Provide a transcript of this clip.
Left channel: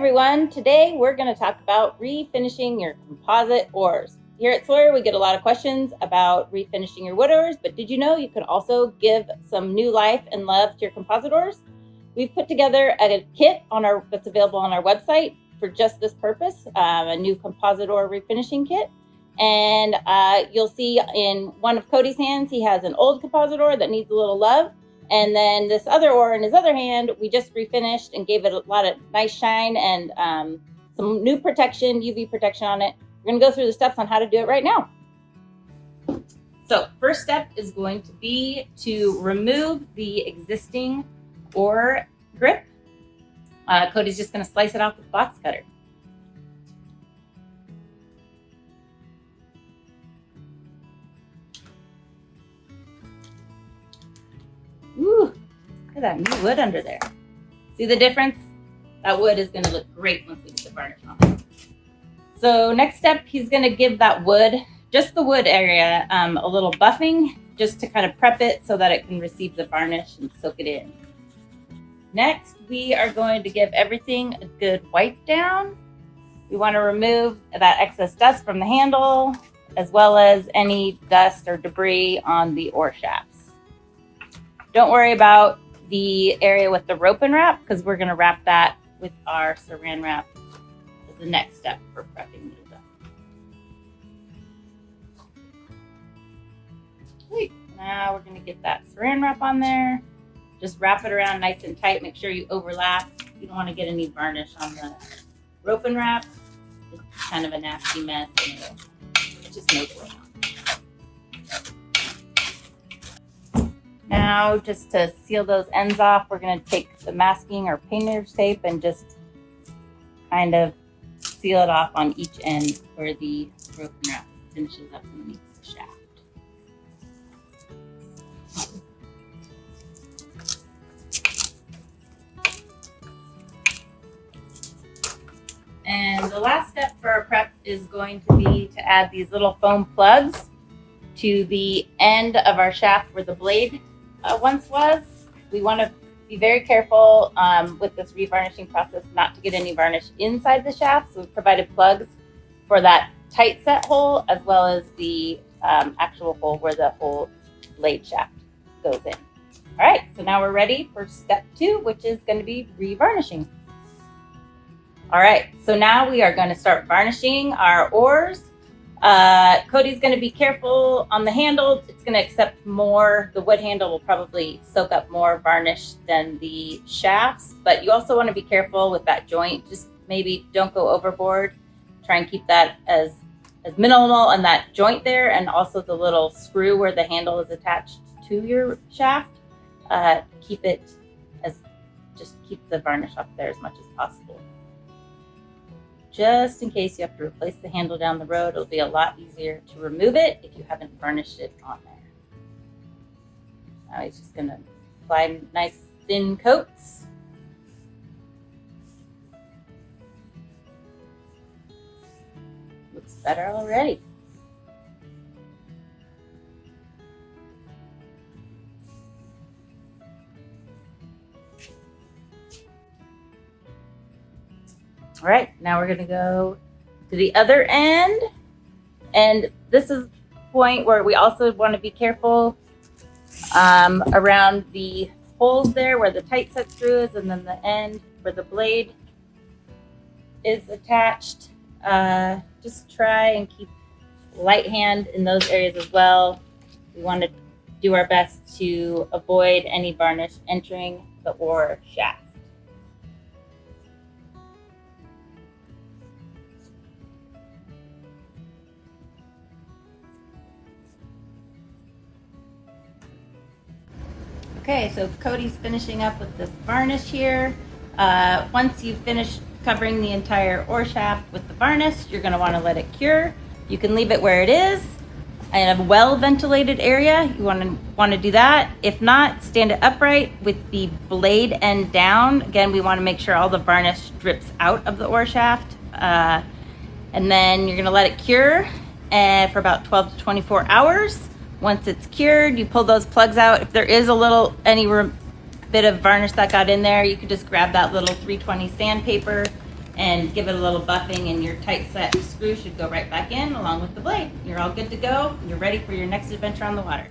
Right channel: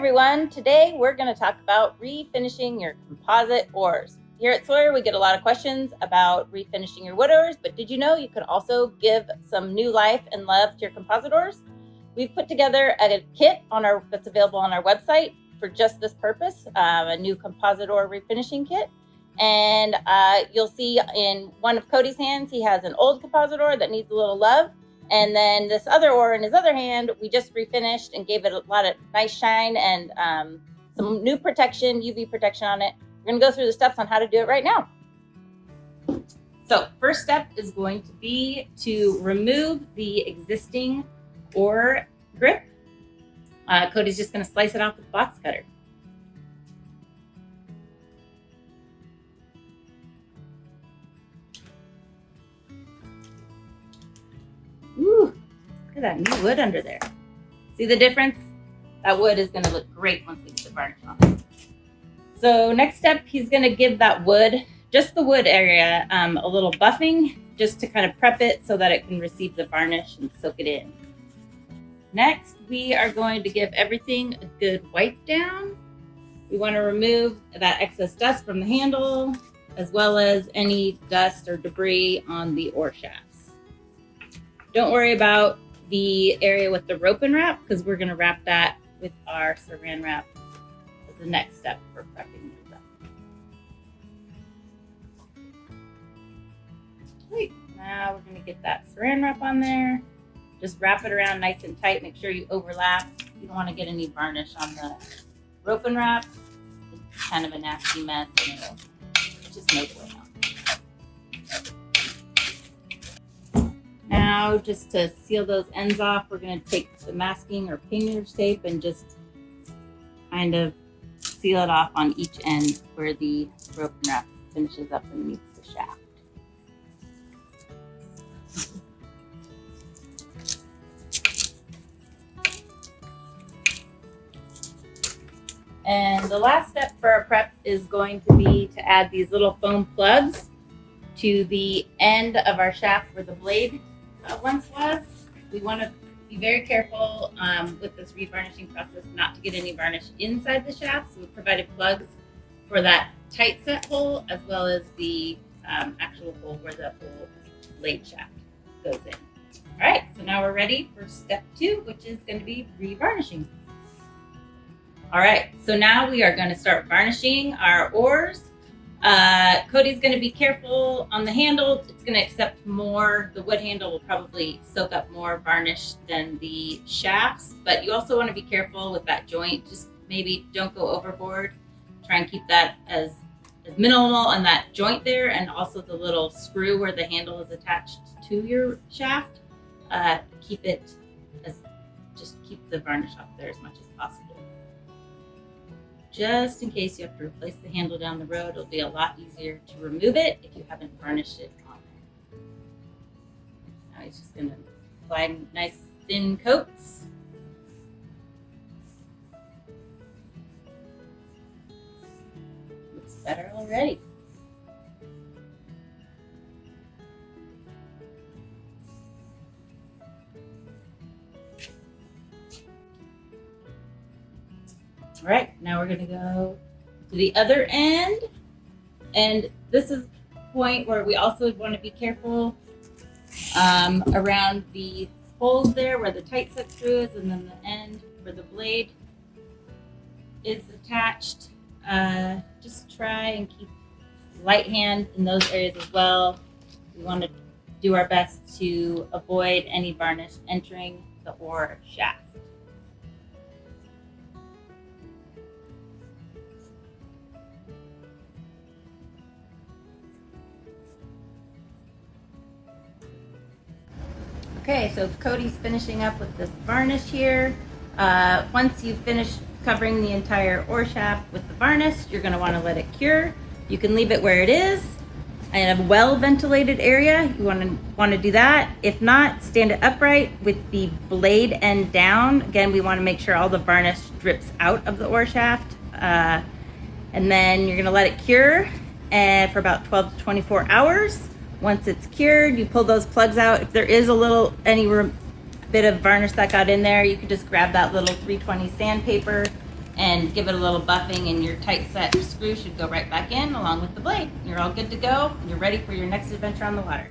everyone, today we're going to talk about refinishing your composite oars. Here at Sawyer, we get a lot of questions about refinishing your wood oars, but did you know you can also give some new life and love to your composite oars? We've put together a kit that's available on our website for just this purpose, a new composite oar refinishing kit. And you'll see in one of Cody's hands, he has an old composite oar that needs a little love. And then this other oar in his other hand, we just refinished and gave it a lot of nice shine and some new protection, UV protection on it. We're gonna go through the steps on how to do it right now. So first step is going to be to remove the existing oar grip. Cody's just gonna slice it off with a box cutter. Ooh, look at that new wood under there. See the difference? That wood is going to look great once we get the varnish on. So next step, he's going to give that wood, just the wood area, a little buffing just to kind of prep it so that it can receive the varnish and soak it in. Next, we are going to give everything a good wipe down. We want to remove that excess dust from the handle, as well as any dust or debris on the oar shafts. Don't worry about the area with the rope and wrap because we're going to wrap that with our saran wrap as the next step for prepping these up. Okay, now we're going to get that saran wrap on there. Just wrap it around nice and tight. Make sure you overlap. You don't want to get any varnish on the rope and wrap. It's kind of a nasty mess. It's just no going on. Now, just to seal those ends off, we're going to take the masking or painter's tape and just kind of seal it off on each end where the rope and wrap finishes up and meets the shaft. And the last step for our prep is going to be to add these little foam plugs to the end of our shaft where the blade once was. We want to be very careful with this revarnishing process not to get any varnish inside the shaft. So we provided plugs for that tight set hole as well as the actual hole where the whole blade shaft goes in. All right, so now we're ready for step 2, which is going to be revarnishing. All right, so now we are going to start varnishing our oars. Cody's going to be careful on the handle. It's going to accept more. The wood handle will probably soak up more varnish than the shafts, but you also want to be careful with that joint. Just maybe don't go overboard. Try and keep that as minimal on that joint there, and also the little screw where the handle is attached to your shaft. Keep the varnish up there as much as possible. Just in case you have to replace the handle down the road, it'll be a lot easier to remove it if you haven't varnished it on there. Now he's just going to apply nice thin coats. Looks better already. All right, now we're gonna go to the other end. And this is the point where we also wanna be careful around the holes there where the tight set screw is, and then the end where the blade is attached. Just try and keep light hand in those areas as well. We wanna do our best to avoid any varnish entering the oar shaft. Okay, so Cody's finishing up with this varnish here. Once you finish covering the entire oar shaft with the varnish, you're going to want to let it cure. You can leave it where it is in a well-ventilated area. You want to do that. If not, stand it upright with the blade end down. Again, we want to make sure all the varnish drips out of the oar shaft. And then you're going to let it cure for about 12 to 24 hours. Once it's cured, you pull those plugs out. If there is any bit of varnish that got in there, you can just grab that little 320 sandpaper and give it a little buffing, and your tight set screw should go right back in along with the blade. You're all good to go. You're ready for your next adventure on the water.